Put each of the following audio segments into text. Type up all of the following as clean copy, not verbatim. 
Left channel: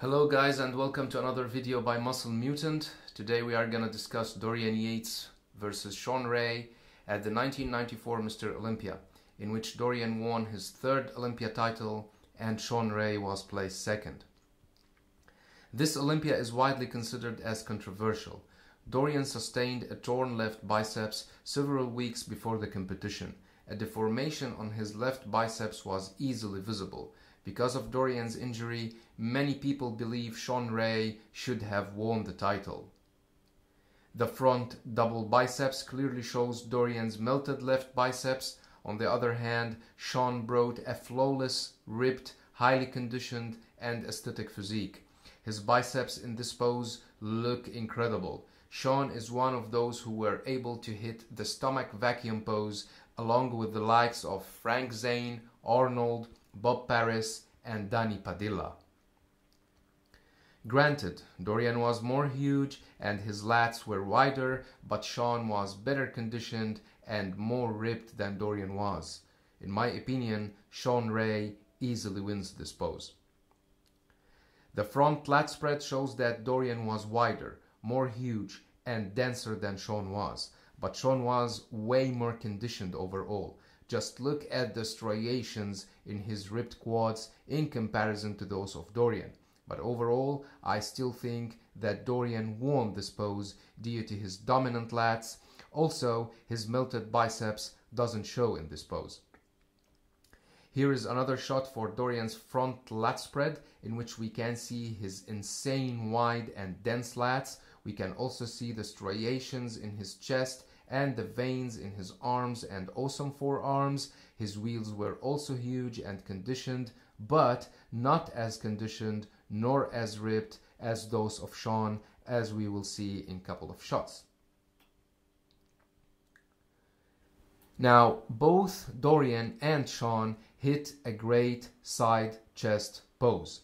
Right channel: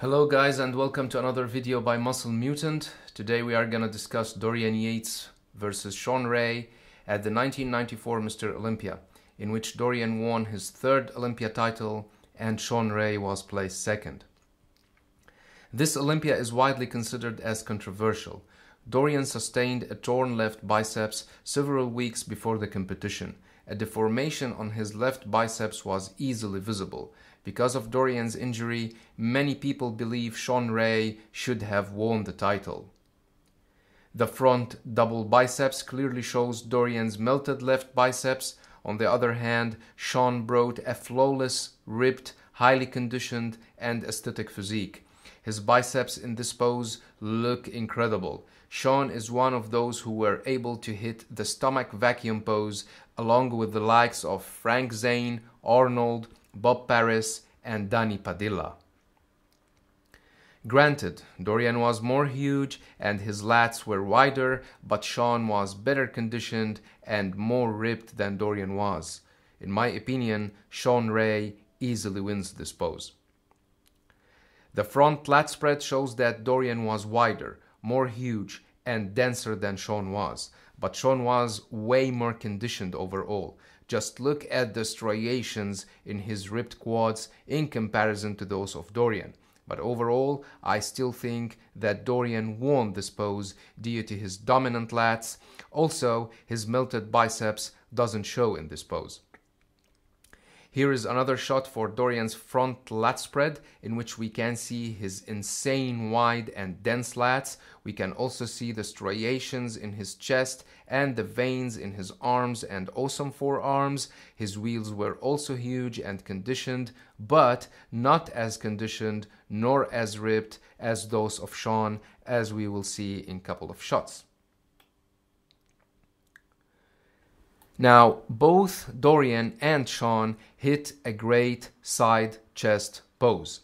Hello guys, and welcome to another video by Muscle Mutant. Today we are gonna discuss Dorian Yates versus Shawn Ray at the 1994 Mr. Olympia, in which Dorian won his third Olympia title and Shawn Ray was placed second. This Olympia is widely considered as controversial. Dorian sustained a torn left biceps several weeks before the competition. A deformation on his left biceps was easily visible. Because of Dorian's injury, many people believe Shawn Ray should have won the title. The front double biceps clearly shows Dorian's melted left biceps. On the other hand, Shawn brought a flawless, ripped, highly conditioned, and aesthetic physique. His biceps in this pose look incredible. Shawn is one of those who were able to hit the stomach vacuum pose along with the likes of Frank Zane, Arnold, Bob Paris, and Danny Padilla. Granted, Dorian was more huge and his lats were wider, but Shawn was better conditioned and more ripped than Dorian was. In my opinion, Shawn Ray easily wins this pose. The front lat spread shows that Dorian was wider, more huge, and denser than Shawn was, but Shawn was way more conditioned overall. Just look at the striations in his ripped quads in comparison to those of Dorian. But overall, I still think that Dorian won this pose due to his dominant lats. Also, his melted biceps doesn't show in this pose. Here is another shot for Dorian's front lat spread, in which we can see his insane wide and dense lats. We can also see the striations in his chest and the veins in his arms and awesome forearms. His wheels were also huge and conditioned, but not as conditioned nor as ripped as those of Shawn, as we will see in a couple of shots. Now, both Dorian and Shawn hit a great side chest pose.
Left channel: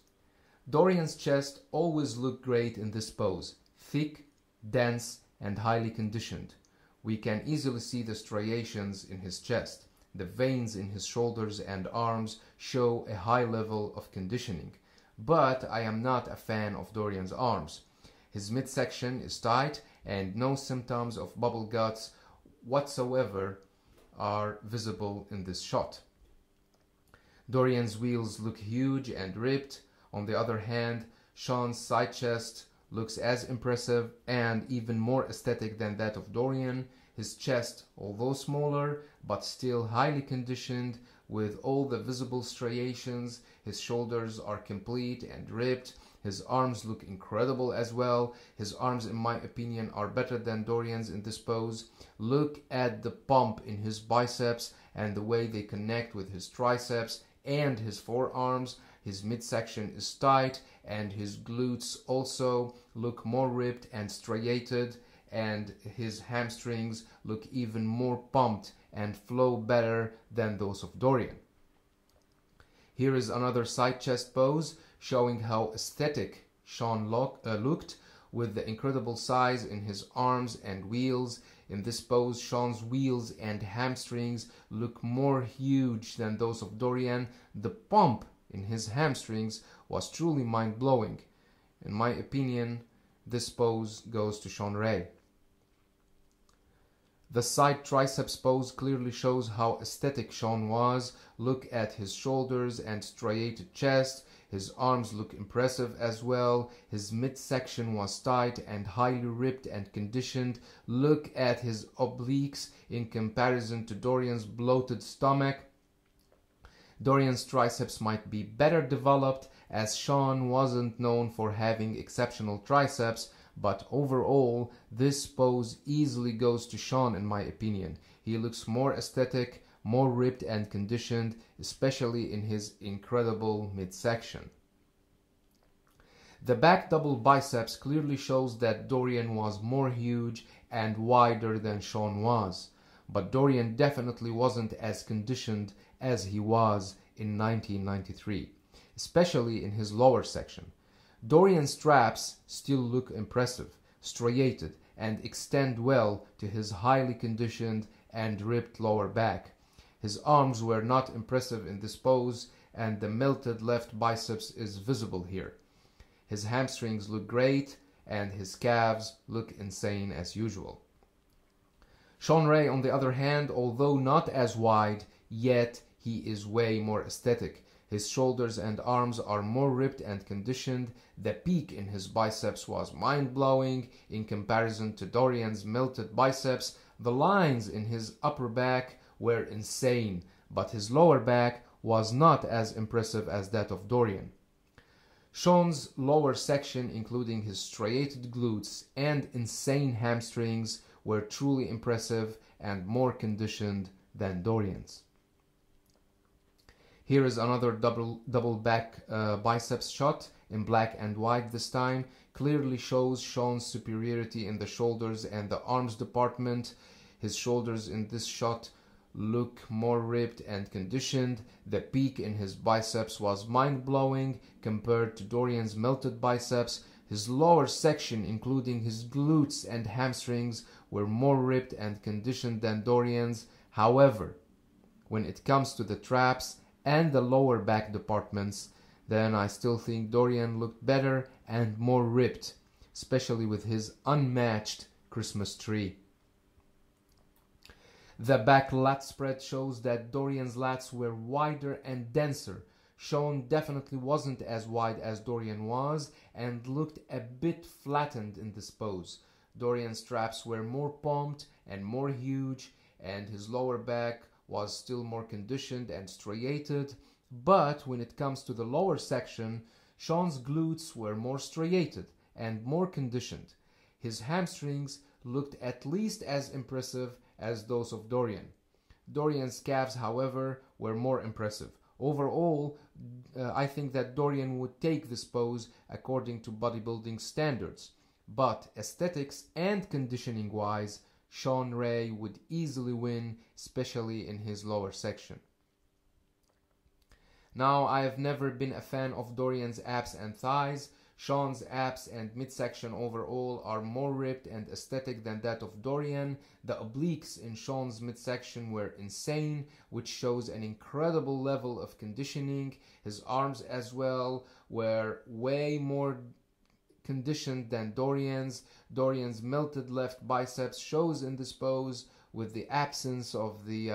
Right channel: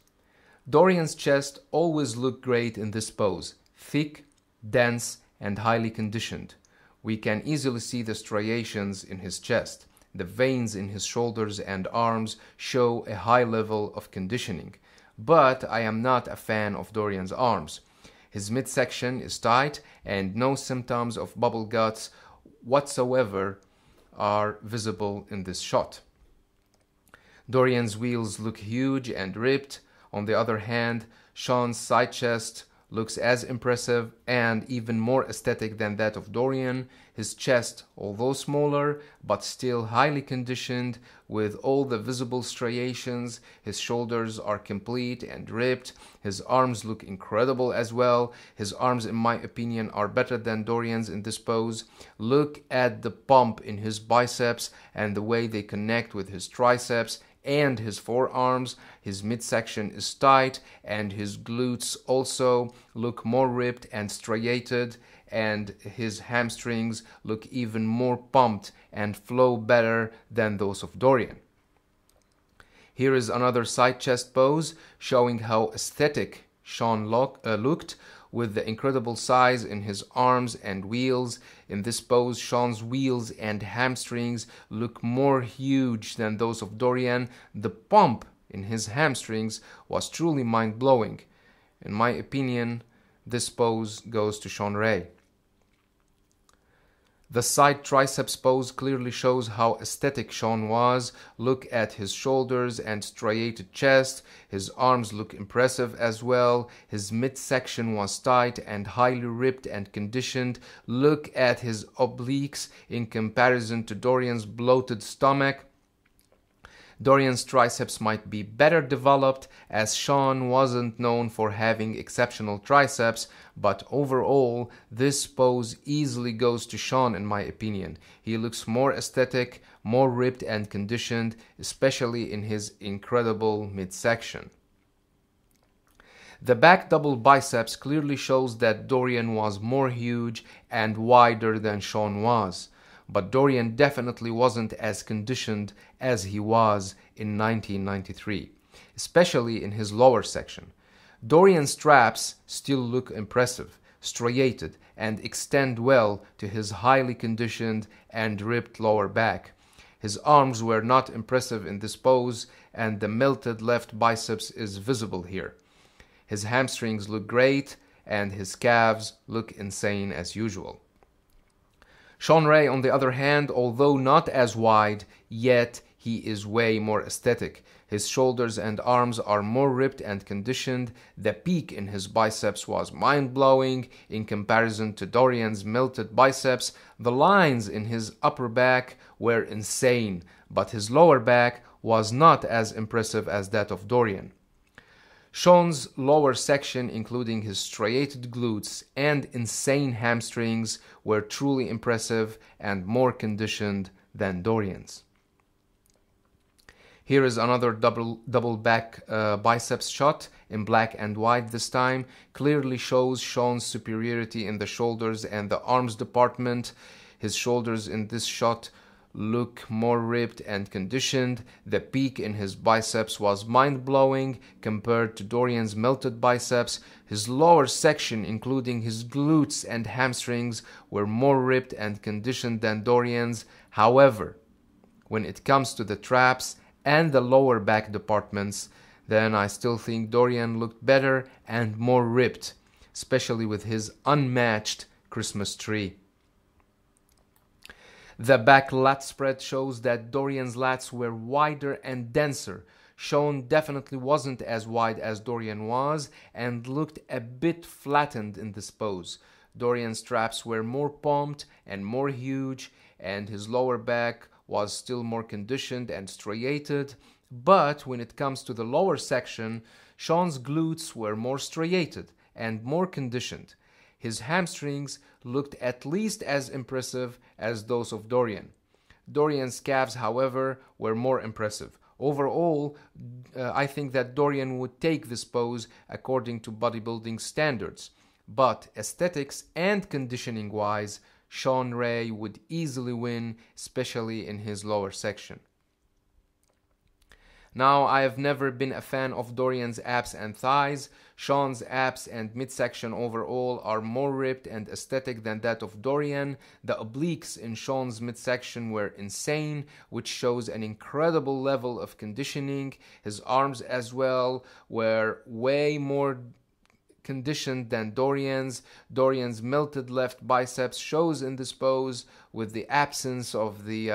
Dorian's chest always looked great in this pose, thick, dense, and highly conditioned. We can easily see the striations in his chest. The veins in his shoulders and arms show a high level of conditioning. But I am not a fan of Dorian's arms. His midsection is tight and no symptoms of bubble guts whatsoever are visible in this shot. Dorian's wheels look huge and ripped. On the other hand, Shawn's side chest looks as impressive and even more aesthetic than that of Dorian. His chest, although smaller, but still highly conditioned with all the visible striations. His shoulders are complete and ripped. His arms look incredible as well. His arms, in my opinion, are better than Dorian's in this pose. Look at the pump in his biceps and the way they connect with his triceps and his forearms. His midsection is tight and his glutes also look more ripped and striated, and his hamstrings look even more pumped and flow better than those of Dorian. Here is another side chest pose showing how aesthetic Shawn looked with the incredible size in his arms and wheels. In this pose, Shawn's wheels and hamstrings look more huge than those of Dorian. The pump in his hamstrings was truly mind-blowing. In my opinion, this pose goes to Shawn Ray. The side triceps pose clearly shows how aesthetic Shawn was. Look at his shoulders and striated chest. His arms look impressive as well. His midsection was tight and highly ripped and conditioned. Look at his obliques in comparison to Dorian's bloated stomach. Dorian's triceps might be better developed, as Shawn wasn't known for having exceptional triceps, but overall, this pose easily goes to Shawn in my opinion. He looks more aesthetic, more ripped and conditioned, especially in his incredible midsection. The back double biceps clearly shows that Dorian was more huge and wider than Shawn was. But Dorian definitely wasn't as conditioned as he was in 1993, especially in his lower section. Dorian's traps still look impressive, striated, and extend well to his highly conditioned and ripped lower back. His arms were not impressive in this pose, and the melted left biceps is visible here. His hamstrings look great, and his calves look insane as usual. Shawn Ray, on the other hand, although not as wide, yet he is way more aesthetic. His shoulders and arms are more ripped and conditioned. The peak in his biceps was mind-blowing in comparison to Dorian's melted biceps. The lines in his upper back were insane, but his lower back was not as impressive as that of Dorian. Shawn's lower section, including his striated glutes and insane hamstrings, were truly impressive and more conditioned than Dorian's. Here is another double back biceps shot in black and white this time. Clearly shows Shawn's superiority in the shoulders and the arms department. His shoulders in this shot look more ripped and conditioned. The peak in his biceps was mind-blowing compared to Dorian's melted biceps. His lower section, including his glutes and hamstrings, were more ripped and conditioned than Dorian's. However, when it comes to the traps and the lower back departments, then I still think Dorian looked better and more ripped, especially with his unmatched Christmas tree. The back lat spread shows that Dorian's lats were wider and denser. Shawn definitely wasn't as wide as Dorian was and looked a bit flattened in this pose. Dorian's traps were more pumped and more huge, and his lower back was still more conditioned and striated. But when it comes to the lower section, Shawn's glutes were more striated and more conditioned. His hamstrings looked at least as impressive as those of Dorian. Dorian's calves, however, were more impressive. Overall, I think that Dorian would take this pose according to bodybuilding standards. But aesthetics and conditioning-wise, Shawn Ray would easily win, especially in his lower section. Now, I have never been a fan of Dorian's abs and thighs. Shawn's abs and midsection overall are more ripped and aesthetic than that of Dorian. The obliques in Shawn's midsection were insane, which shows an incredible level of conditioning. His arms as well were way more conditioned than Dorian's. Dorian's melted left biceps shows in this pose with the absence of the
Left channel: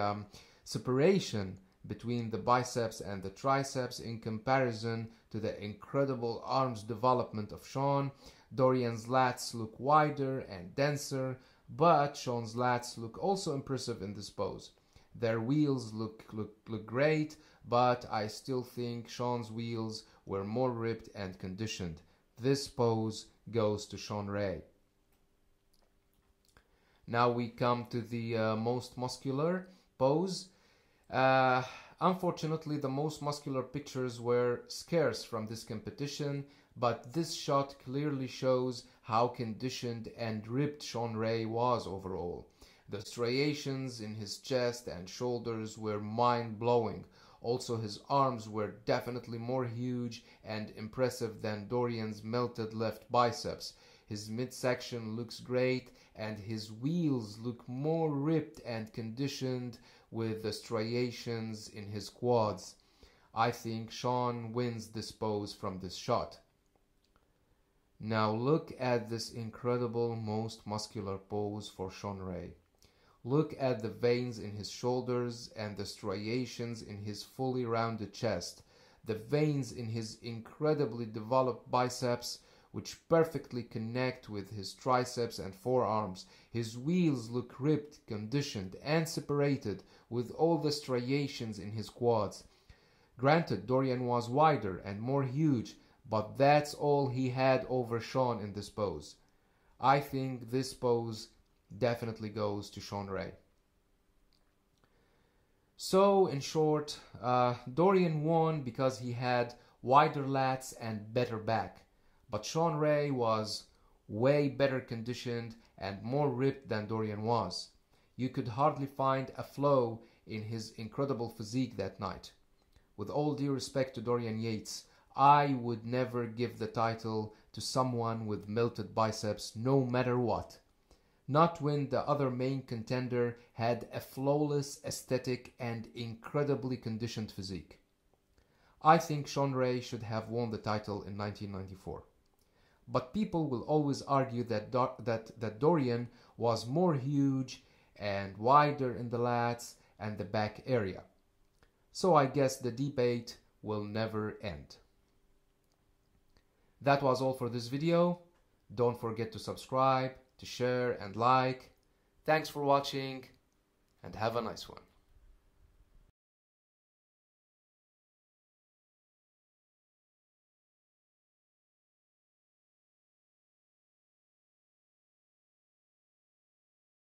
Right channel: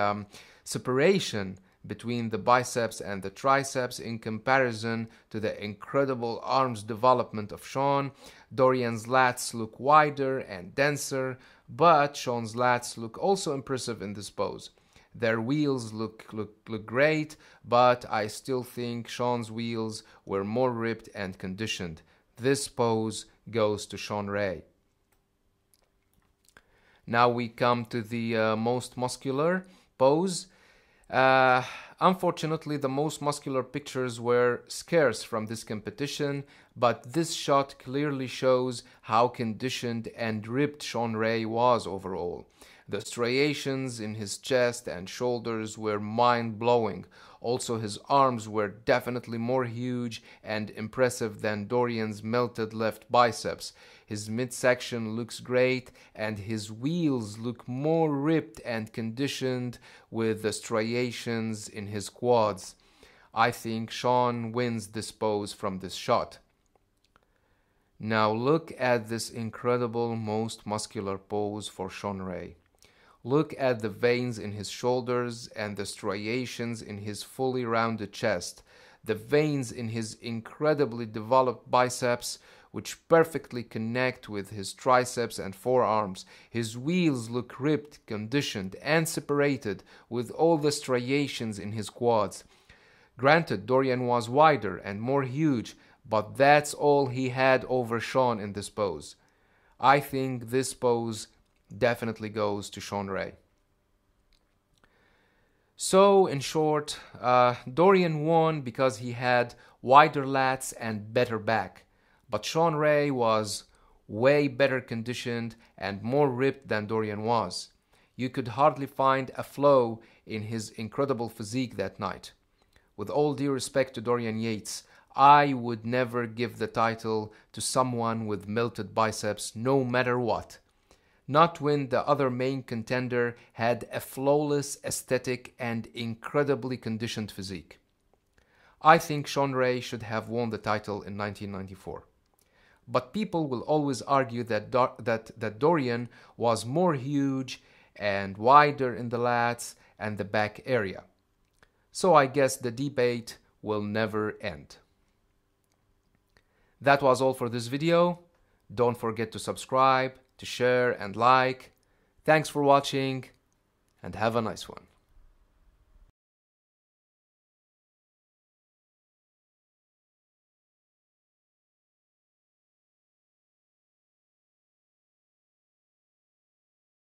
separation between the biceps and the triceps in comparison to the incredible arms development of Shawn. Dorian's lats look wider and denser, but Shawn's lats look also impressive in this pose. Their wheels look great, but I still think Shawn's wheels were more ripped and conditioned. This pose goes to Shawn Ray. Now we come to the most muscular pose. Unfortunately, the most muscular pictures were scarce from this competition, but this shot clearly shows how conditioned and ripped Shawn Ray was overall. The striations in his chest and shoulders were mind-blowing. Also, his arms were definitely more huge and impressive than Dorian's melted left biceps. His midsection looks great, and his wheels look more ripped and conditioned with the striations in his quads. I think Shawn wins this pose from this shot. Now look at this incredible most muscular pose for Shawn Ray. Look at the veins in his shoulders and the striations in his fully rounded chest. The veins in his incredibly developed biceps, which perfectly connect with his triceps and forearms. His wheels look ripped, conditioned, and separated with all the striations in his quads. Granted, Dorian was wider and more huge, but that's all he had over Shawn in this pose. I think this pose definitely goes to Shawn Ray. So, in short, Dorian won because he had wider lats and better back. But Shawn Ray was way better conditioned and more ripped than Dorian was. You could hardly find a flaw in his incredible physique that night. With all due respect to Dorian Yates, I would never give the title to someone with melted biceps no matter what. Not when the other main contender had a flawless aesthetic and incredibly conditioned physique. I think Shawn Ray should have won the title in 1994. But people will always argue that Dorian was more huge and wider in the lats and the back area. So I guess the debate will never end. That was all for this video. Don't forget to subscribe, to share and like. Thanks for watching and have a nice one.